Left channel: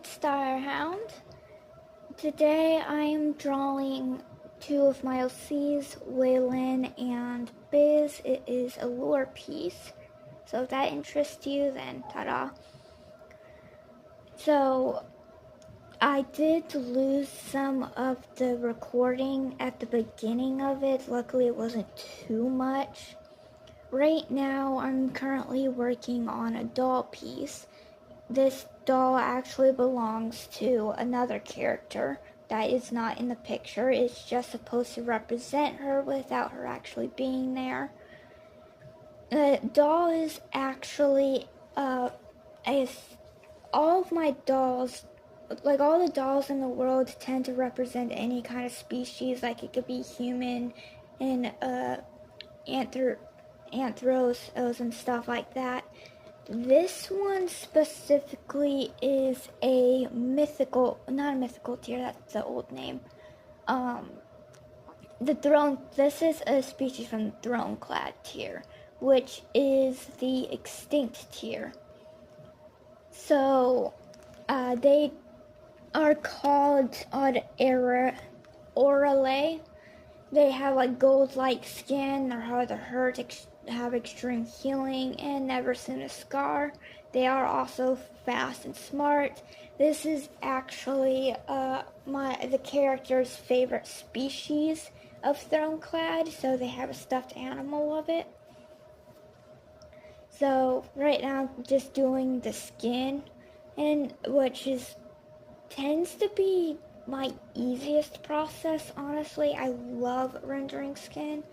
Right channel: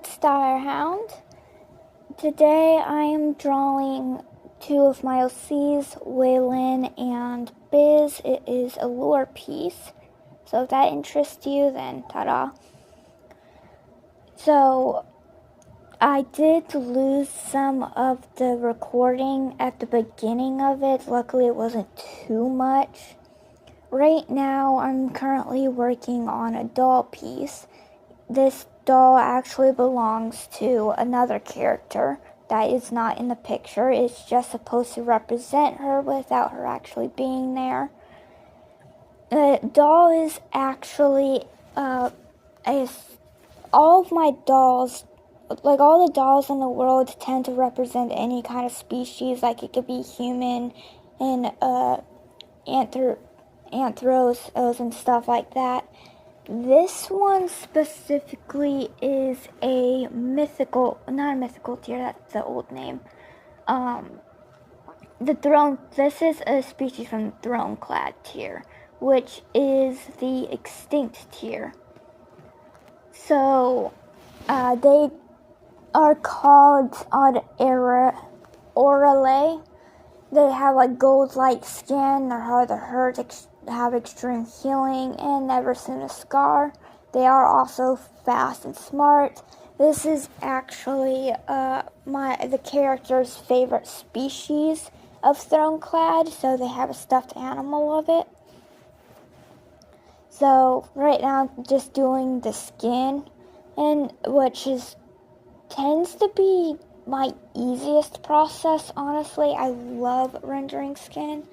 it's Direhound. Today I am drawing two of my OCs, Waylon and Biz. It is a lore piece, so if that interests you, then ta-da. So, I did lose some of the recording at the beginning of it. Luckily it wasn't too much. Right now I'm currently working on a doll piece. This doll actually belongs to another character that is not in the picture. It's just supposed to represent her without her actually being there. The doll is actually all of my dolls, like all the dolls in the world, tend to represent any kind of species. Like it could be human and anthros and stuff like that. This one specifically is a mythical, not a mythical tier, that's the old name. This is a species from the throne-clad tier, which is the extinct tier. So, they are called Eirvale. They have like gold-like skin, they're hard to hurt, have extreme healing, and never seen a scar. They are also fast and smart. This is actually the character's favorite species of Throneclad, so they have a stuffed animal of it. So right now I'm just doing the skin, and which tends to be my easiest process, honestly. I love rendering skin.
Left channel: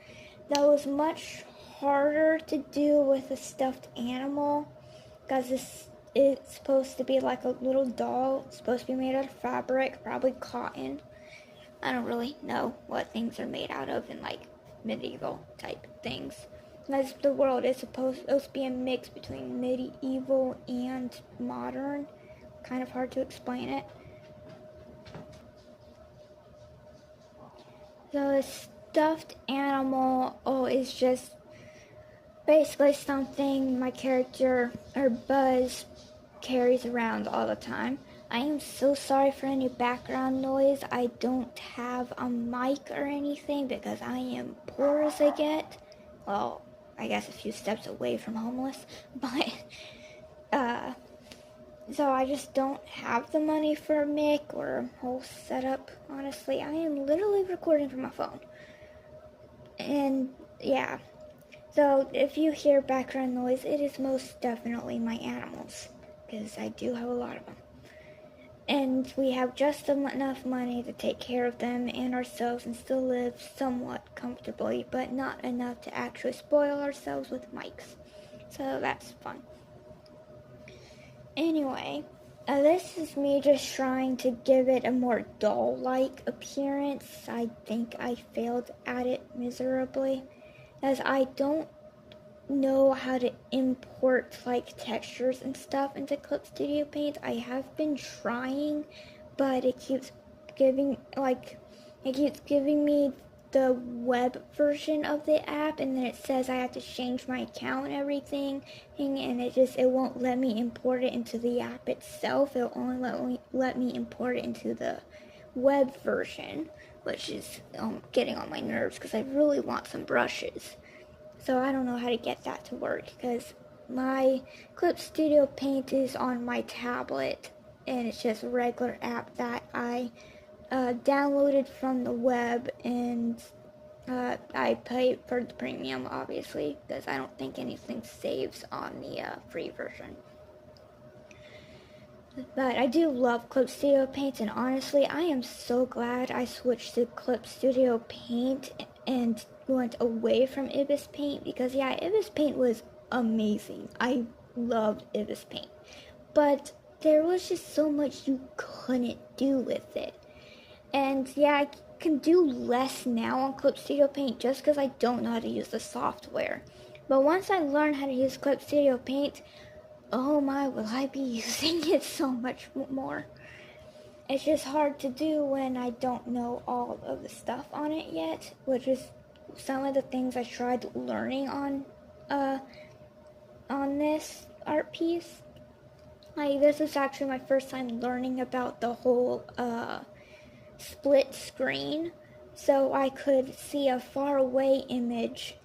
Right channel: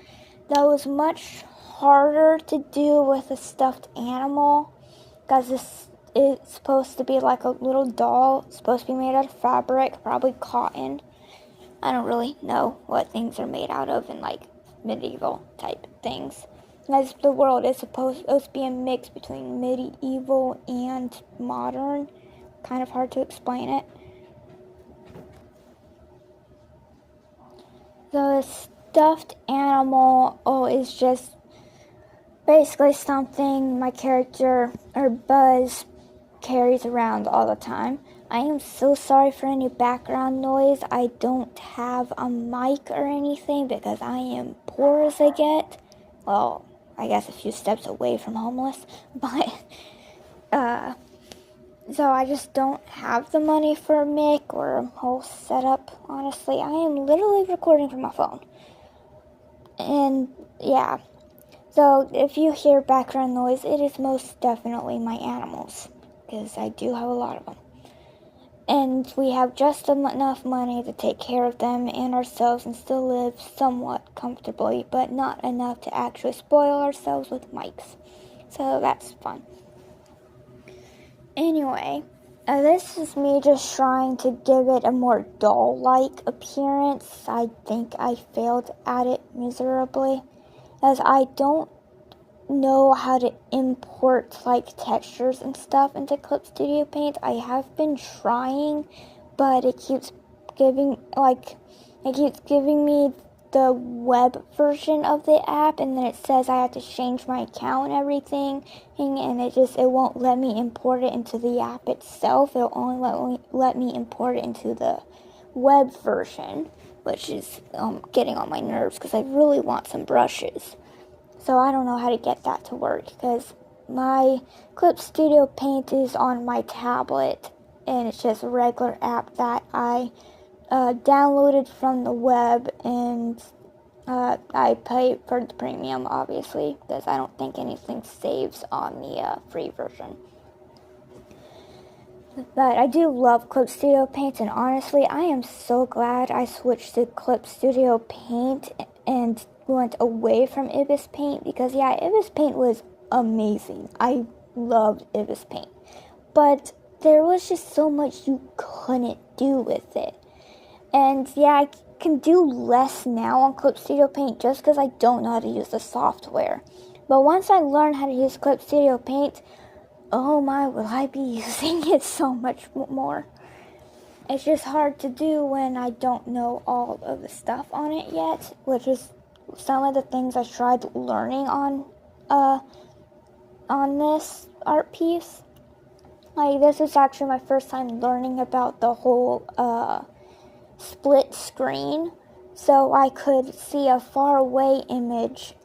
That was much harder to do with a stuffed animal, because this is supposed to be like a little doll. It's supposed to be made out of fabric, probably cotton. I don't really know what things are made out of in like medieval type things, because the world is supposed to be a mix between medieval and modern. Kind of hard to explain it. The stuffed animal is just basically something my character, or Buzz, carries around all the time. I am so sorry for any background noise. I don't have a mic or anything because I am poor as they get. Well, I guess a few steps away from homeless, but so I just don't have the money for a mic or a whole setup, honestly. I am literally recording from my phone. And yeah. So if you hear background noise, it is most definitely my animals, because I do have a lot of them. And we have just enough money to take care of them and ourselves and still live somewhat comfortably, but not enough to actually spoil ourselves with mics. So that's fun. Anyway, this is me just trying to give it a more doll-like appearance. I think I failed at it miserably, as I don't know how to import like textures and stuff into Clip Studio Paint. I have been trying, but it keeps giving me the web version of the app, and then it says I have to change my account and everything, and it won't let me import it into the app itself. It'll only let me import it into the web version, which is getting on my nerves because I really want some brushes. So I don't know how to get that to work, because my Clip Studio Paint is on my tablet, and it's just a regular app that I downloaded from the web, and I pay for the premium, obviously, because I don't think anything saves on the free version. But I do love Clip Studio Paint, and honestly, I am so glad I switched to Clip Studio Paint and went away from Ibis Paint, because yeah, Ibis Paint was amazing. I loved Ibis Paint, but there was just so much you couldn't do with it. And yeah, I can do less now on Clip Studio Paint just because I don't know how to use the software. But once I learn how to use Clip Studio Paint, oh my, will I be using it so much more. It's just hard to do when I don't know all of the stuff on it yet, which is some of the things I tried learning on this art piece. Like, this is actually my first time learning about the whole split screen, so I could see a far away image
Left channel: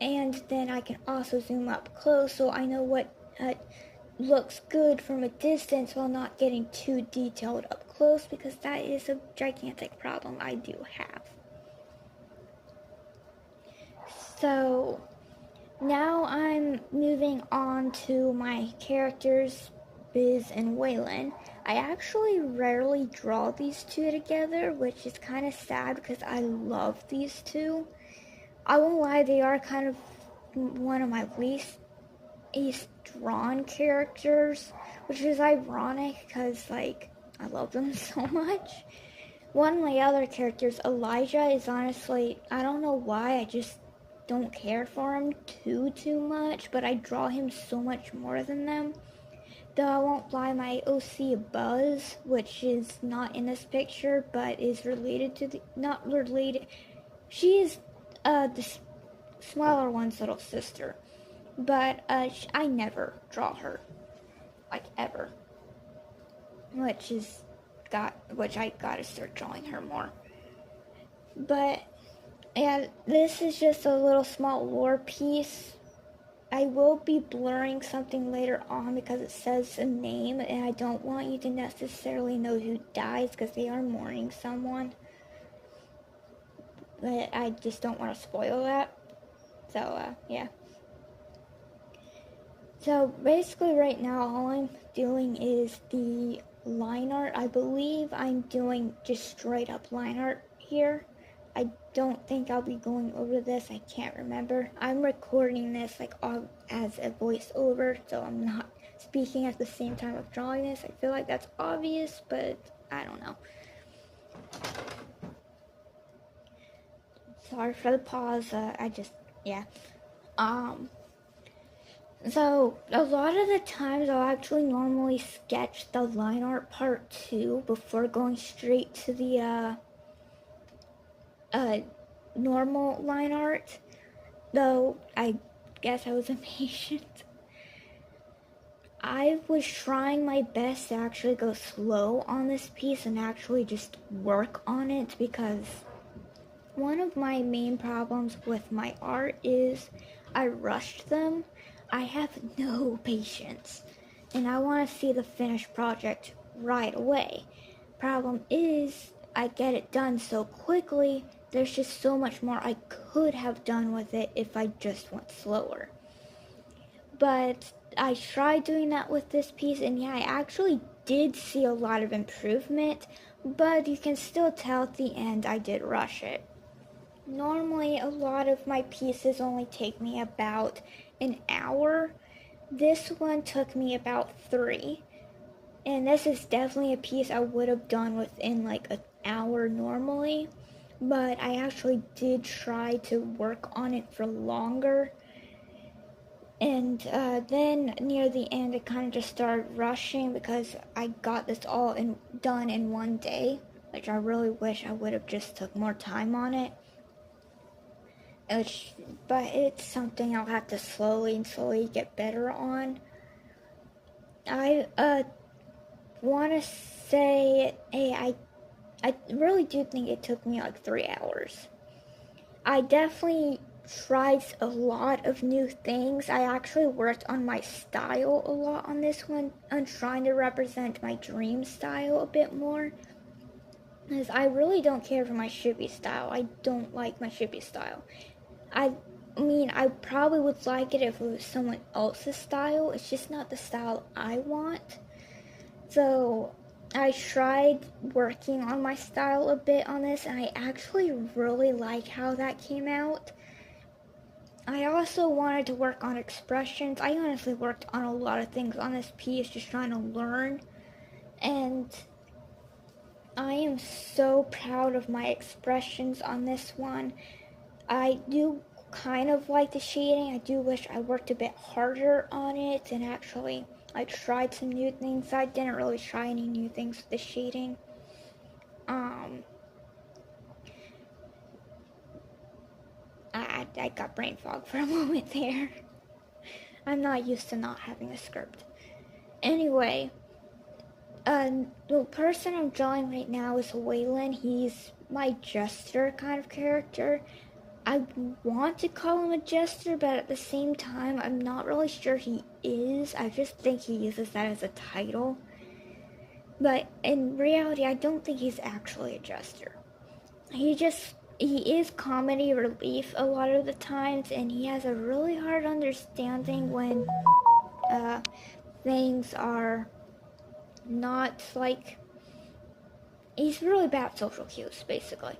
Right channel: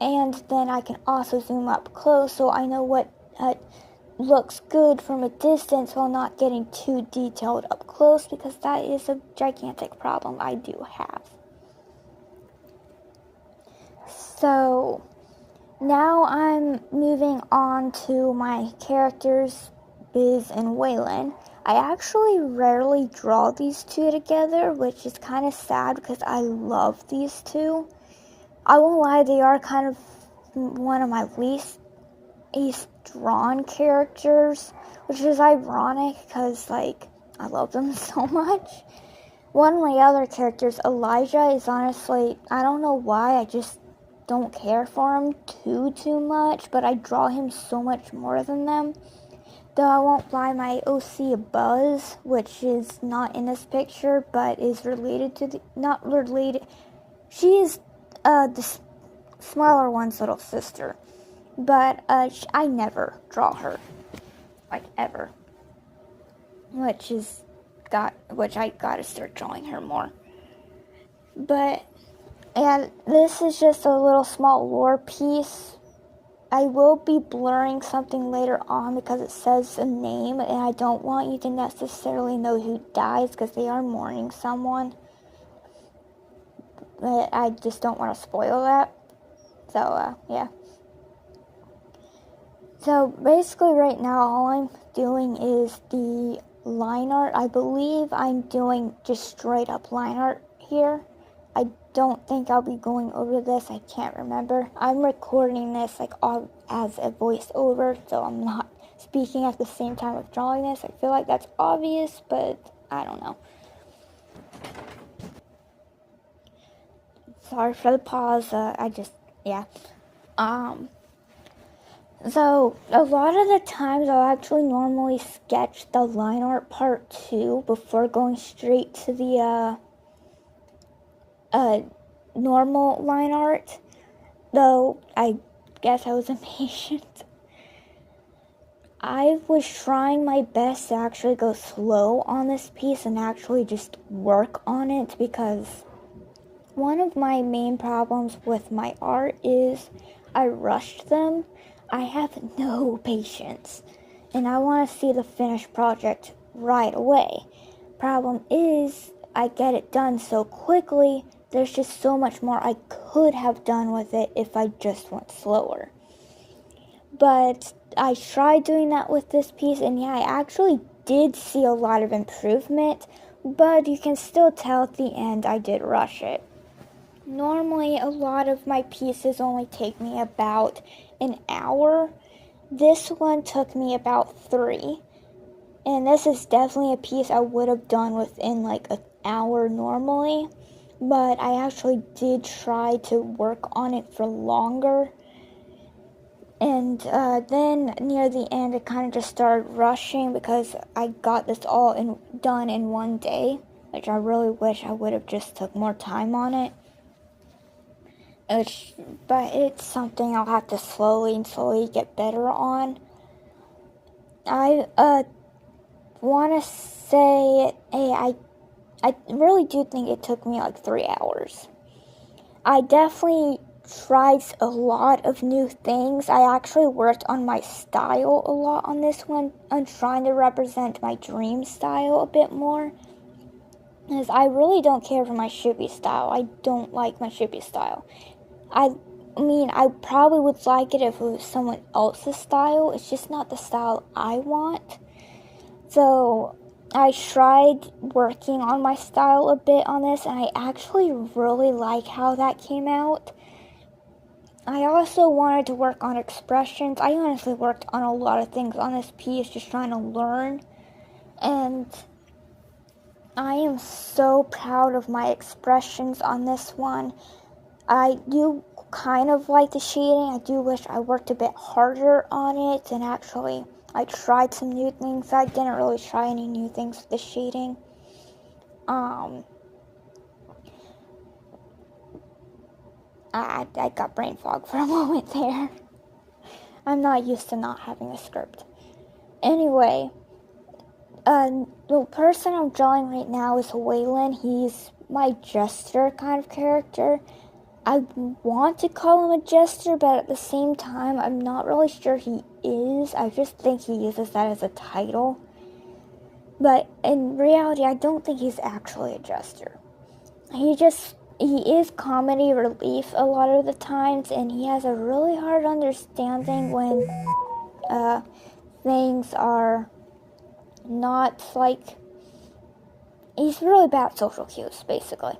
and then I can also zoom up close, so I know what looks good from a distance while not getting too detailed up close, because that is a gigantic problem I do have. So now I'm moving on to my characters, Biz and Waylon. I actually rarely draw these two together, which is kind of sad because I love these two. I won't lie, they are kind of one of my least drawn characters, which is ironic because, like, I love them so much. One of my other characters, Elijah, is honestly, I don't know why, I just don't care for him too much, but I draw him so much more than them. Though I won't lie, my OC Buzz, which is not in this picture, but is related to not related, she is the smaller one's little sister. But I never draw her, like, ever. Which I gotta start drawing her more. But yeah, this is just a little small lore piece. I will be blurring something later on because it says a name, and I don't want you to necessarily know who dies because they are mourning someone. But I just don't want to spoil that. So, yeah. So basically right now all I'm doing is the line art. I believe I'm doing just straight up line art here. I don't think I'll be going over this. I can't remember. I'm recording this like as a voiceover, so I'm not speaking at the same time of drawing this. I feel like that's obvious, but I don't know. Sorry for the pause. So, a lot of the times I'll actually normally sketch the line art part too before going straight to the normal line art. Though, I guess I was impatient. I was trying my best to actually go slow on this piece and actually just work on it, because one of my main problems with my art is I rushed them. I have no patience, and I want to see the finished project right away. Problem is, I get it done so quickly, there's just so much more I could have done with it if I just went slower. But I tried doing that with this piece, and yeah, I actually did see a lot of improvement, but you can still tell at the end I did rush it. Normally, a lot of my pieces only take me about an hour. This one took me about 3. And this is definitely a piece I would have done within like an hour normally. But I actually did try to work on it for longer. And then near the end, it kind of just started rushing because I got this all done in one day, which I really wish I would have just took more time on it. But it's something I'll have to slowly get better on. I want to say, I really do think it took me like 3 hours. I definitely tried a lot of new things. I actually worked on my style a lot on this one, on trying to represent my dream style a bit more. Because I really don't care for my shippy style. I don't like my shippy style. I mean, I probably would like it if it was someone else's style. It's just not the style I want. So I tried working on my style a bit on this, and I actually really like how that came out. I also wanted to work on expressions. I honestly worked on a lot of things on this piece, just trying to learn. And I am so proud of my expressions on this one. I do kind of like the shading. I do wish I worked a bit harder on it, and actually I tried some new things. I didn't really try any new things with the shading. I got brain fog for a moment there. I'm not used to not having a script. anyway, the person I'm drawing right now is Waylon. He's my jester kind of character. I want to call him a jester, but at the same time, I'm not really sure he is. I just think he uses that as a title. But in reality, I don't think he's actually a jester. He is comedy relief a lot of the times, and he has a really hard understanding when things are not like... He's really bad at social cues, basically.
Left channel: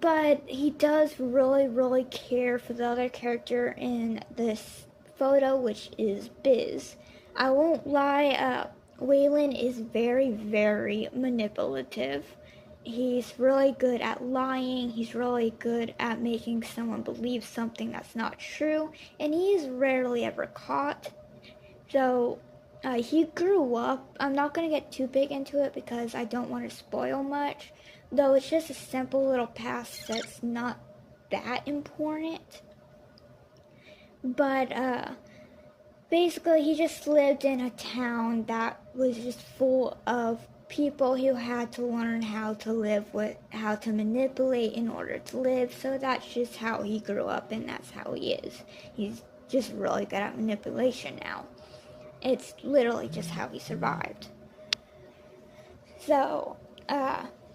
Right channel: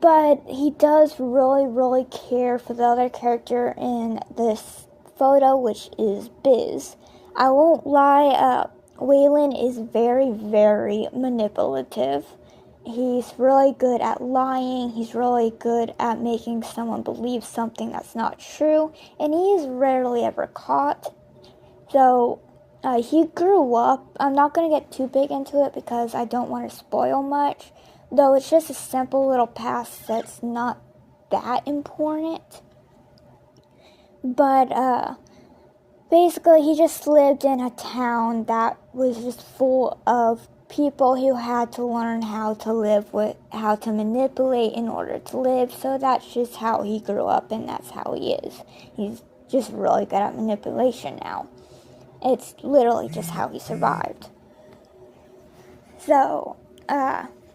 But he does really, really care for the other character in this photo, which is Biz. I won't lie, Waylon is very, very manipulative. He's really good at lying. He's really good at making someone believe something that's not true. And he is rarely ever caught. So, he grew up. I'm not going to get too big into it because I don't want to spoil much. Though it's just a simple little past that's not that important. But, basically he just lived in a town that was just full of people who had to learn how to manipulate in order to live. So that's just how he grew up, and that's how he is. He's just really good at manipulation now. It's literally just how he survived. So,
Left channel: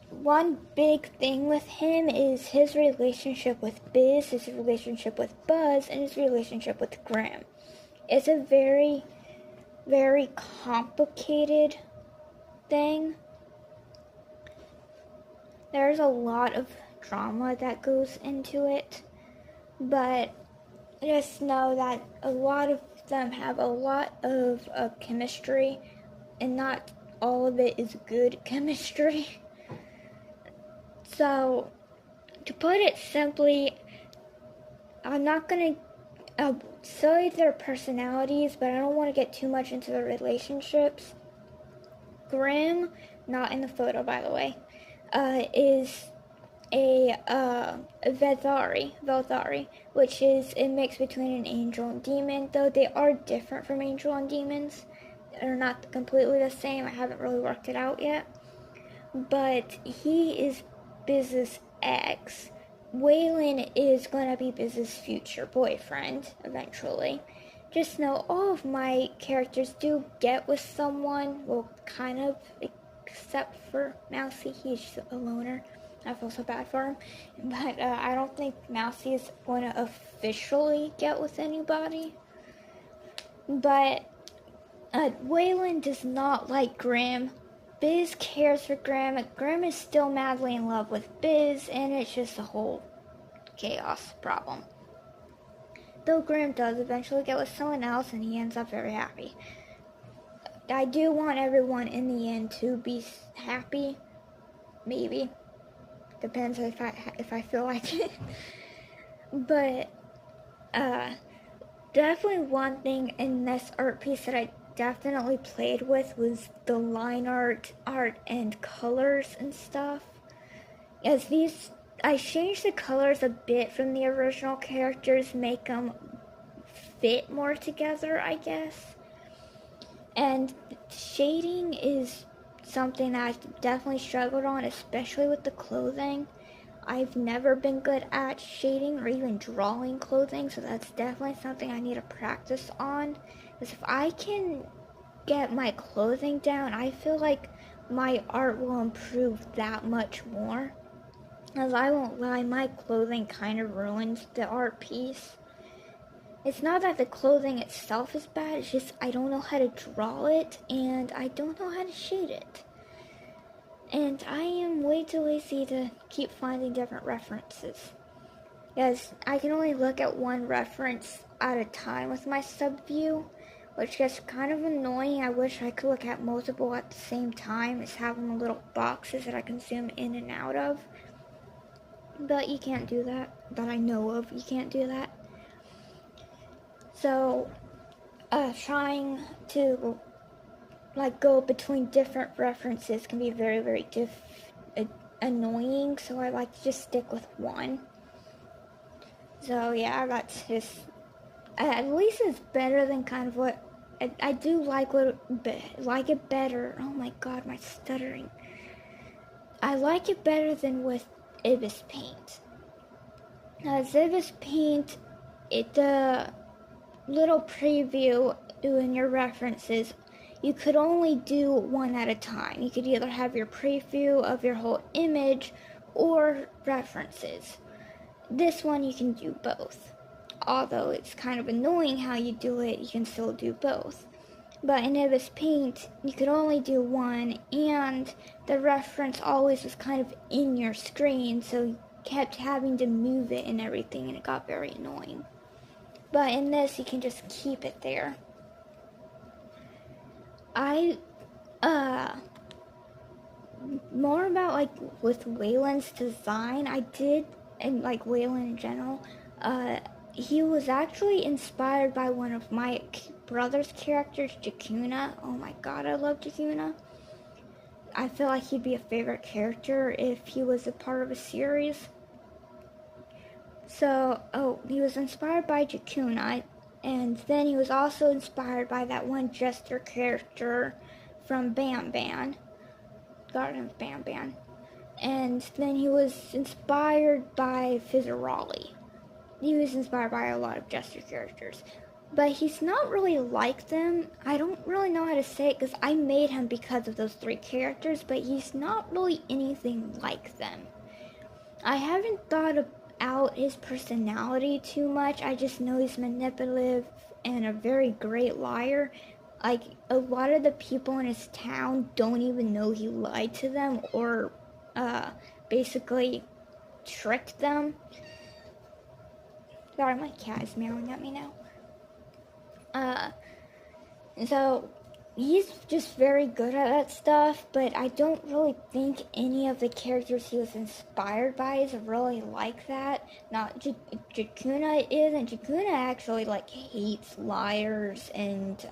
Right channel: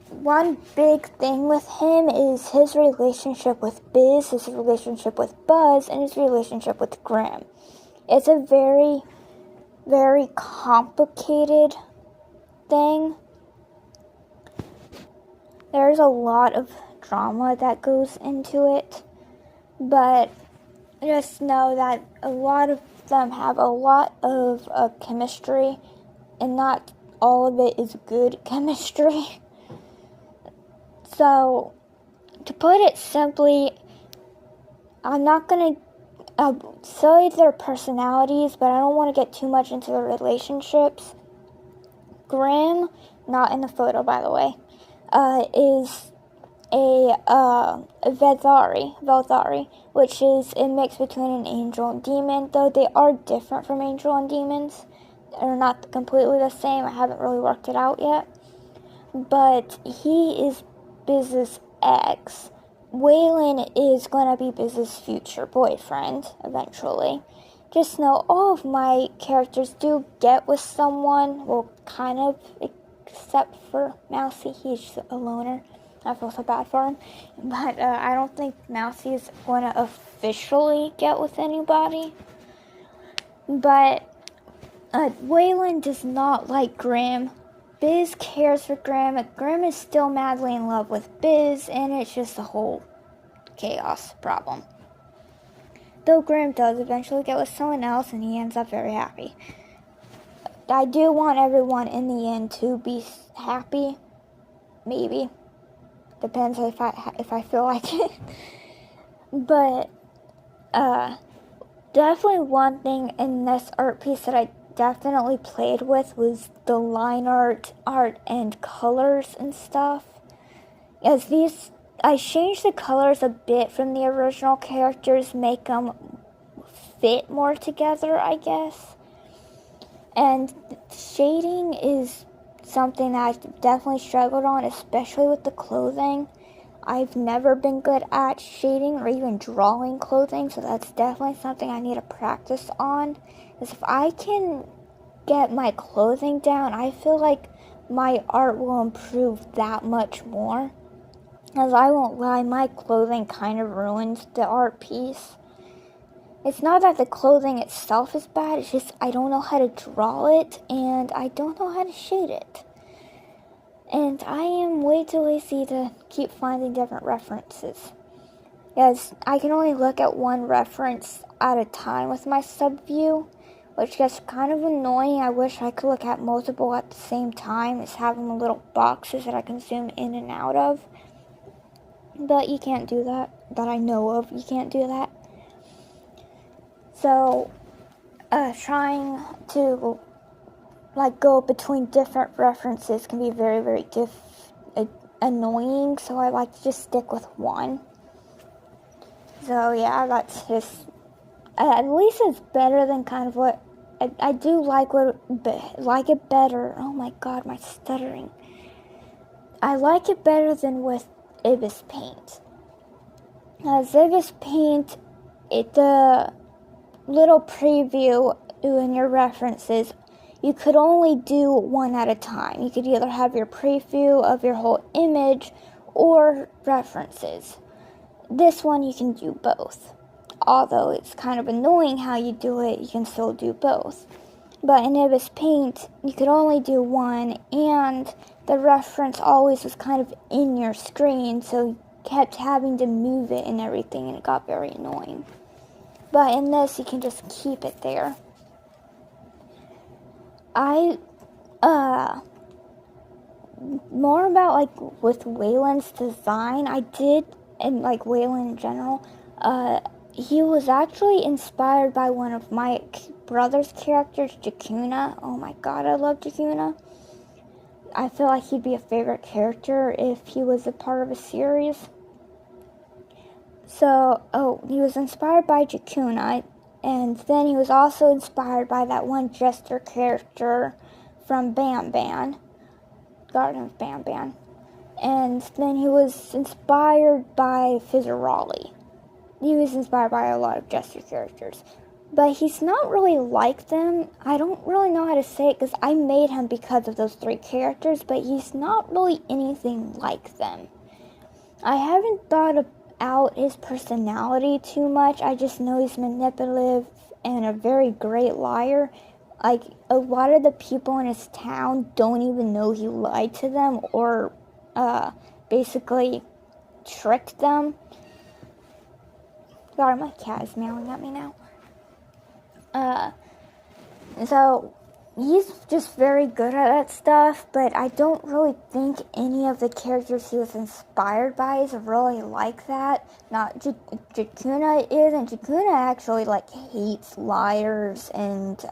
one big thing with him is his relationship with Biz, his relationship with Buzz, and his relationship with Grim. It's a very, very complicated thing. There's a lot of drama that goes into it, but just know that a lot of them have a lot of chemistry, and not all of it is good chemistry. So, to put it simply, I'm not going to say their personalities, but I don't want to get too much into their relationships. Grim, not in the photo by the way, is a Velthari, which is a mix between an angel and demon, though they are different from angel and demons. They're not completely the same. I haven't really worked it out yet. But he is Biz's ex. Waylon is going to be Biz's future boyfriend, eventually. Just know all of my characters do get with someone, well, kind of, except for Mousy. He's just a loner. I feel so bad for him. But I don't think Mousy is going to officially get with anybody. But Waylon does not like Grim. Biz cares for Grim. Grim is still madly in love with Biz, and it's just a whole chaos problem. Though Grim does eventually get with someone else, and he ends up very happy. I do want everyone in the end to be happy. Maybe. Depends if I feel like it. But, definitely one thing in this art piece that I definitely played with was the line art and colors and stuff. As these, I changed the colors a bit from the original characters, make them fit more together, I guess. And shading is something that I've definitely struggled on, especially with the clothing. I've never been good at shading or even drawing clothing, so that's definitely something I need to practice on. Because if I can get my clothing down, I feel like my art will improve that much more. As I won't lie, my clothing kind of ruins the art piece. It's not that the clothing itself is bad, it's just I don't know how to draw it, and I don't know how to shade it. And I am way too lazy to keep finding different references. Yes, I can only look at one reference at a time with my subview, which gets kind of annoying. I wish I could look at multiple at the same time. It's having little boxes that I can zoom in and out of. But you can't do that. That I know of, you can't do that. So, trying to go between different references can be very, very annoying. So I like to just stick with one. So yeah, that's just, at least it's better than kind of what I do like it better. Oh my god, my stuttering. I like it better than with Ibis Paint. Ibis Paint, the little preview in your references, you could only do one at a time. You could either have your preview of your whole image or references. This one you can do both. Although it's kind of annoying how you do it, you can still do both. But in Ibis Paint, you could only do one, and the reference always was kind of in your screen, so you kept having to move it and everything, and it got very annoying. But in this, you can just keep it there. More about, like, with Waylon's design, and, like, Waylon in general, he was actually inspired by one of my brother's characters, Jakuna. Oh my god, I love Jakuna. I feel like he'd be a favorite character if he was a part of a series. So, he was inspired by Jakuna, and then he was also inspired by that one jester character from Banban, Garden of Banban. And then he was inspired by Fizzerali. He was inspired by a lot of jester characters. But he's not really like them. I don't really know how to say it because I made him because of those 3 characters, but he's not really anything like them. I haven't thought out his personality too much. I just know he's manipulative and a very great liar. Like, a lot of the people in his town don't even know he lied to them or basically tricked them. Sorry, my cat is meowing at me now. So he's just very good at that stuff, but I don't really think any of the characters he was inspired by is really like that. Not Jakuna is, and Jakuna actually, like, hates liars and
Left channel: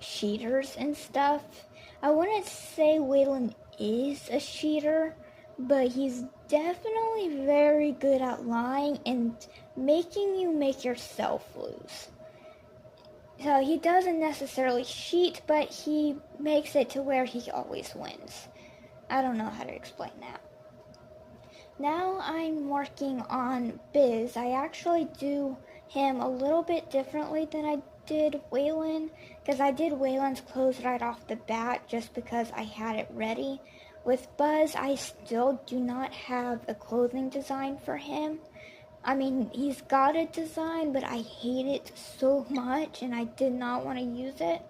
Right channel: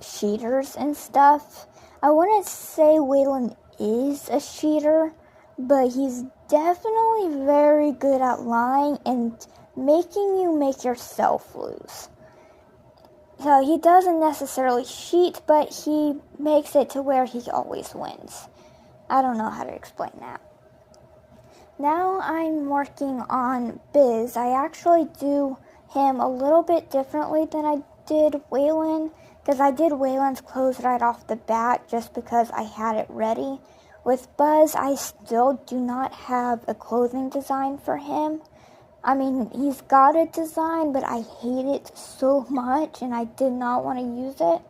cheaters and stuff. I wouldn't say Waylon is a cheater, but he's definitely very good at lying and making you make yourself lose. So he doesn't necessarily cheat, but he makes it to where he always wins. I don't know how to explain that. Now I'm working on Biz. I actually do him a little bit differently than I did Waylon, because I did Waylon's clothes right off the bat just because I had it ready. With Buzz, I still do not have a clothing design for him. I mean, he's got a design, but I hate it so much, and I did not want to use it.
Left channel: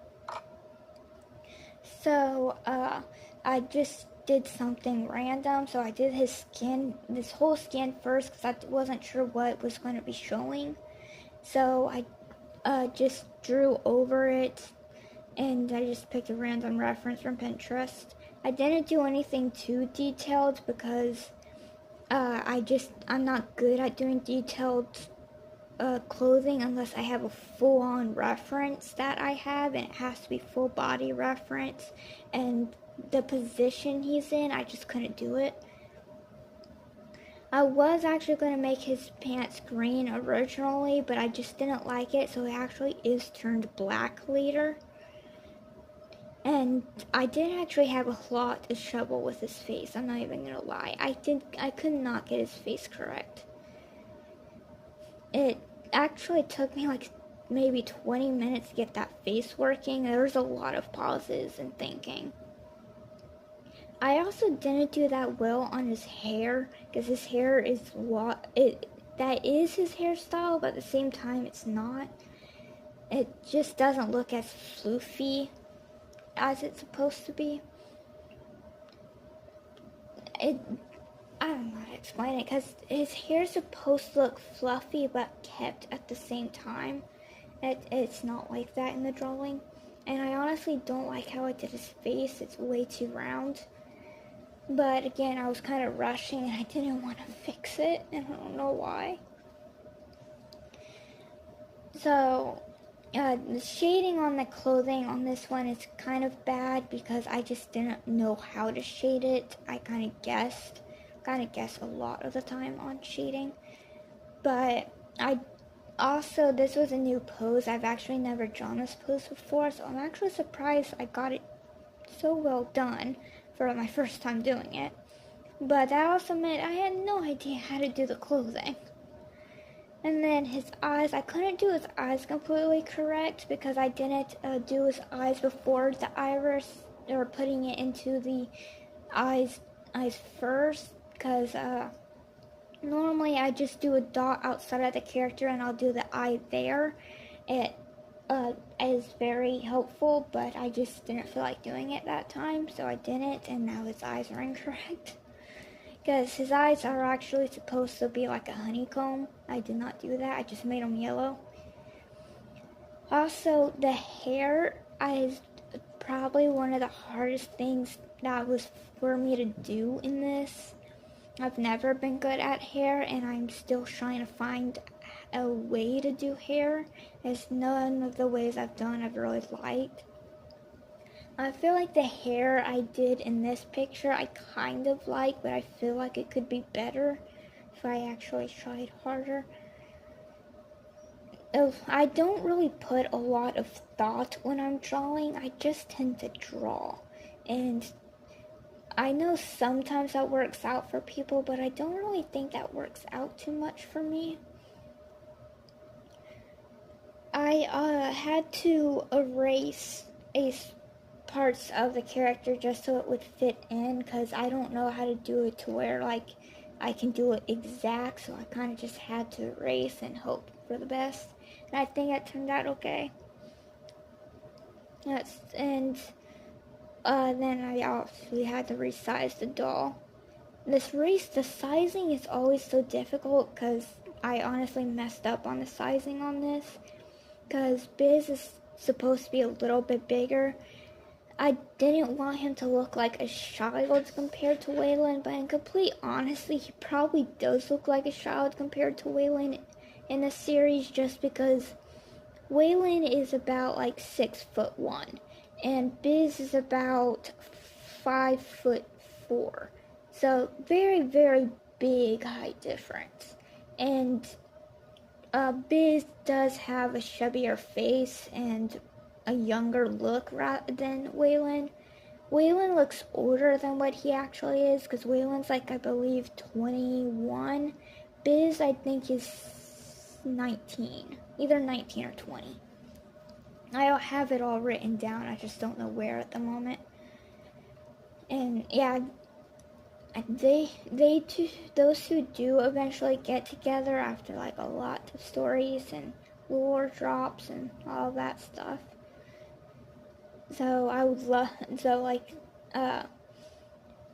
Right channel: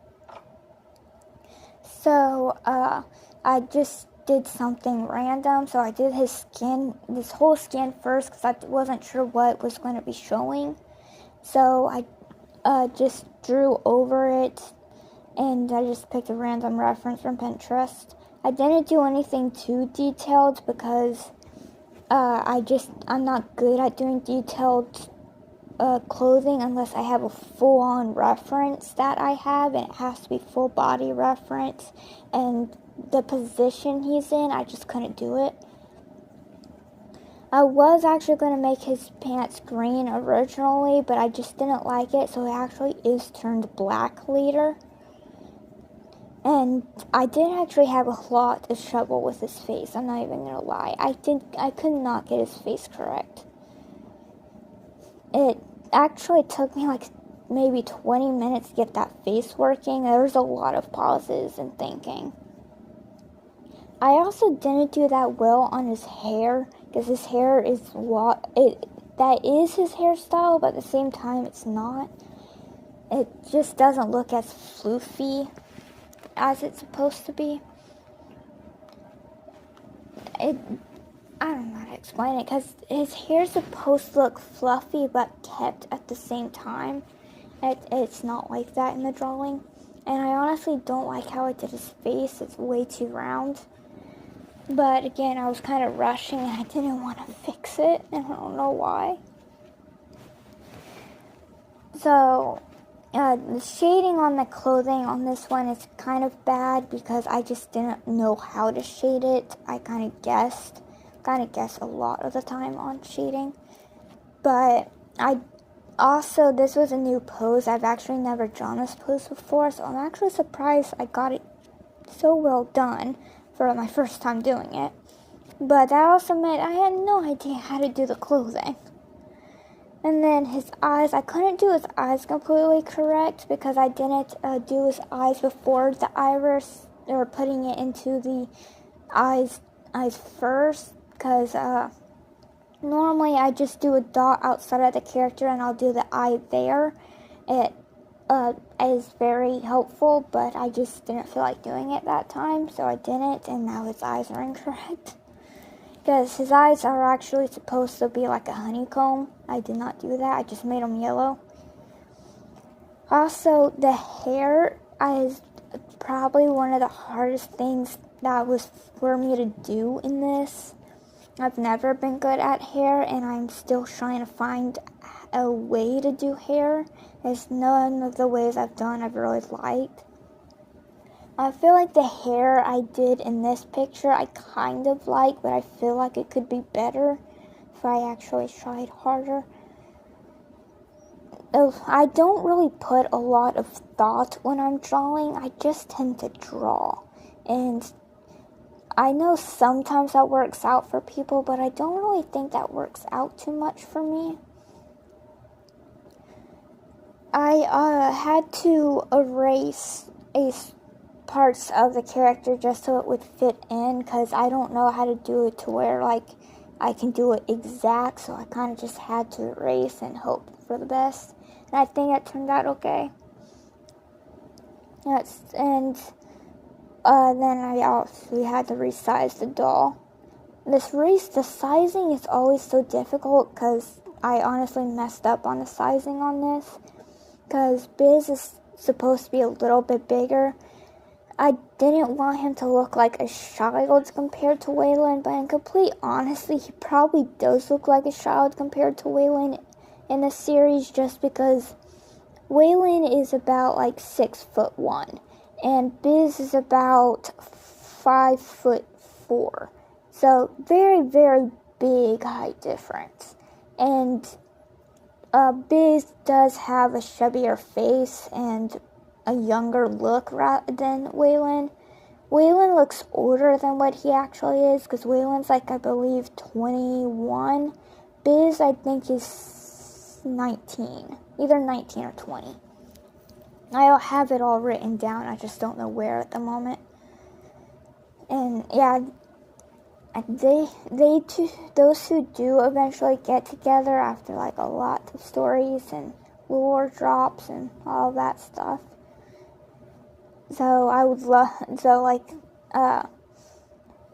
So, I just did something random. So I did his skin, this whole skin first, because I wasn't sure what was going to be showing. So I just drew over it, and I just picked a random reference from Pinterest. I didn't do anything too detailed because I'm not good at doing detailed clothing unless I have a full-on reference that I have, and it has to be full body reference, and the position he's in, I just couldn't do it. I was actually going to make his pants green originally, but I just didn't like it, so it actually is turned black later. And I did actually have a lot of trouble with his face, I'm not even gonna lie. I could not get his face correct. It actually took me like maybe 20 minutes to get that face working. There was a lot of pauses and thinking. I also didn't do that well on his hair, because his hair is that is his hairstyle, but at the same time it's not. It just doesn't look as floofy as it's supposed to be. I don't know how to explain it, because his hair's supposed to look fluffy but kept at the same time. It's not like that in the drawing. And I honestly don't like how I did his face. It's way too round. But again, I was kind of rushing and I didn't want to fix it, and I don't know why. So the shading on the clothing on this one is kind of bad because I just didn't know how to shade it. I kind of guessed a lot of the time on shading. But Also, this was a new pose. I've actually never drawn this pose before, so I'm actually surprised I got it so well done for my first time doing it. But that also meant I had no idea how to do the clothing. And then his eyes, I couldn't do his eyes completely correct because I didn't do his eyes before the iris, or putting it into the eyes first, because normally I just do a dot outside of the character and I'll do the eye there. It is very helpful, but I just didn't feel like doing it that time, so I didn't, and now his eyes are incorrect. Because his eyes are actually supposed to be like a honeycomb. I did not do that, I just made them yellow. Also, the hair is probably one of the hardest things that was for me to do in this. I've never been good at hair, and I'm still trying to find a way to do hair, as none of the ways I've done I've really liked. I feel like the hair I did in this picture I kind of like, but I feel like it could be better if I actually tried harder. I don't really put a lot of thought when I'm drawing, I just tend to draw. And I know sometimes that works out for people, but I don't really think that works out too much for me. I had to erase parts of the character just so it would fit in, because I don't know how to do it to where like I can do it exact, so I kind of just had to erase and hope for the best. And I think it turned out okay. Yes, and then I also had to resize the doll. The sizing is always so difficult because I honestly messed up on the sizing on this. Because Biz is supposed to be a little bit bigger. I didn't want him to look like a child compared to Waylon, but in complete honesty, he probably does look like a child compared to Waylon in the series, just because Waylon is about like 6'1", and Biz is about 5'4". So very, very big height difference. And Biz does have a chubbier face and a younger look than Waylon. Waylon looks older than what he actually is, because Waylon's like, I believe, 21. Biz, I think, is 19. Either 19 or 20. I have it all written down, I just don't know where at the moment. And yeah, those two do eventually get together after like a lot of stories and lore drops and all that stuff. So I would love,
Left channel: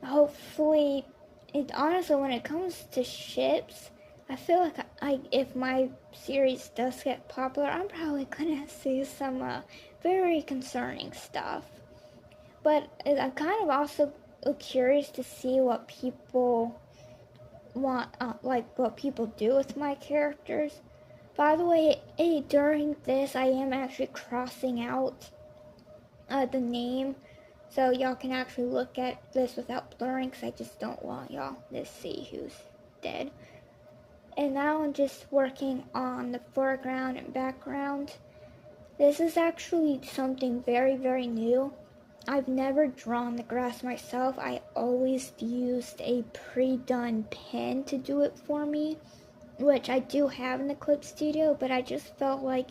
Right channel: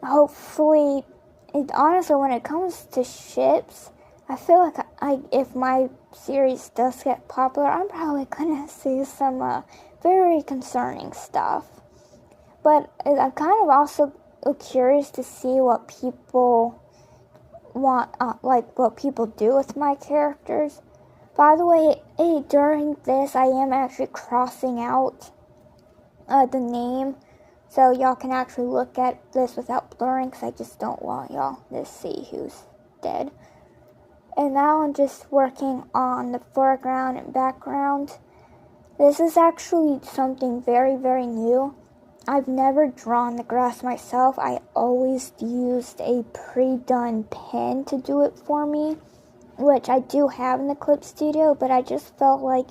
hopefully, honestly, when it comes to ships, I feel like if my series does get popular, I'm probably gonna see some very concerning stuff. But I'm kind of also curious to see what people want, what people do with my characters. By the way, during this, I am actually crossing out the name, so y'all can actually look at this without blurring, because I just don't want y'all to see who's dead. And now I'm just working on the foreground and background. This is actually something very, very new. I've never drawn the grass myself. I always used a pre-done pen to do it for me, which I do have in the Clip Studio, but I just felt like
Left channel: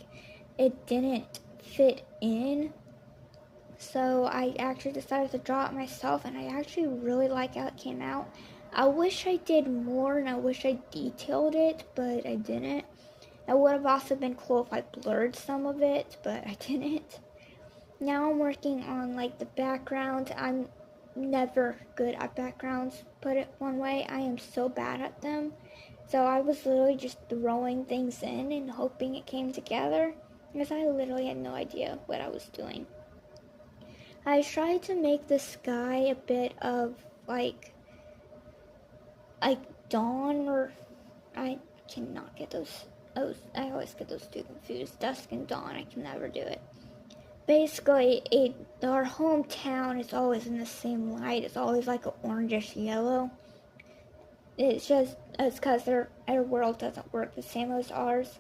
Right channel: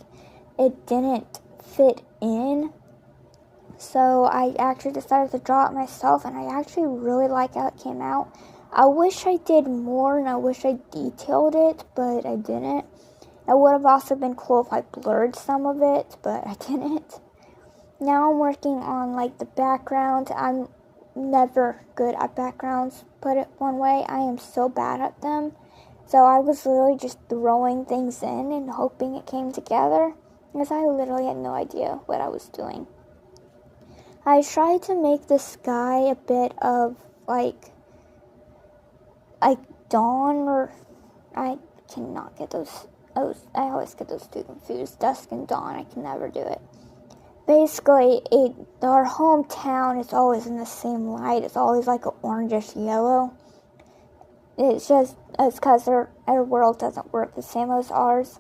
it didn't fit in. So I actually decided to draw it myself, and I actually really like how it came out. I wish I did more, and I wish I detailed it, but I didn't. It would have also been cool if I blurred some of it, but I didn't. Now I'm working on like the background. I'm never good at backgrounds, put it one way. I am so bad at them. So I was literally just throwing things in and hoping it came together, because I literally had no idea what I was doing. I tried to make the sky a bit of like dawn, or I cannot get those. I always get those two confused. Dusk and dawn, I can never do it. Basically, our hometown is always in the same light. It's always like an orangish yellow. It's because our world doesn't work the same as ours.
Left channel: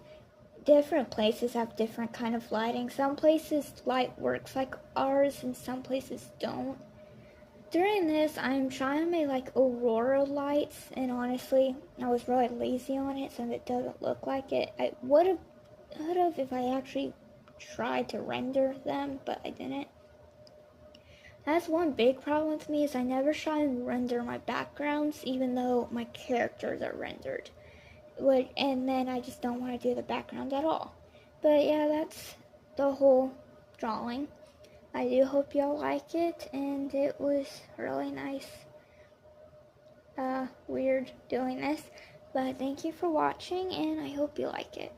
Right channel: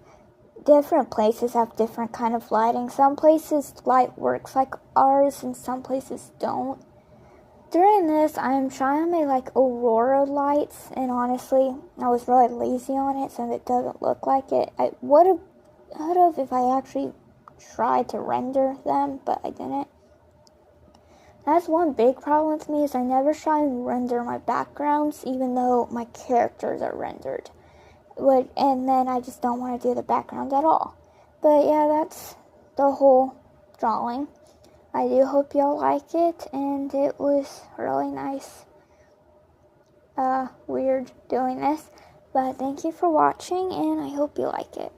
different places have different kind of lighting. Some places light works like ours and some places don't. During this, I'm trying to make like aurora lights, and honestly, I was really lazy on it, so it doesn't look like it. I would have if I actually tried to render them, but I didn't. That's one big problem with me, is I never try and render my backgrounds, even though my characters are rendered. And then I just don't want to do the background at all. But yeah, that's the whole drawing. I do hope y'all like it, and it was really nice, weird doing this. But thank you for watching, and I hope you like it.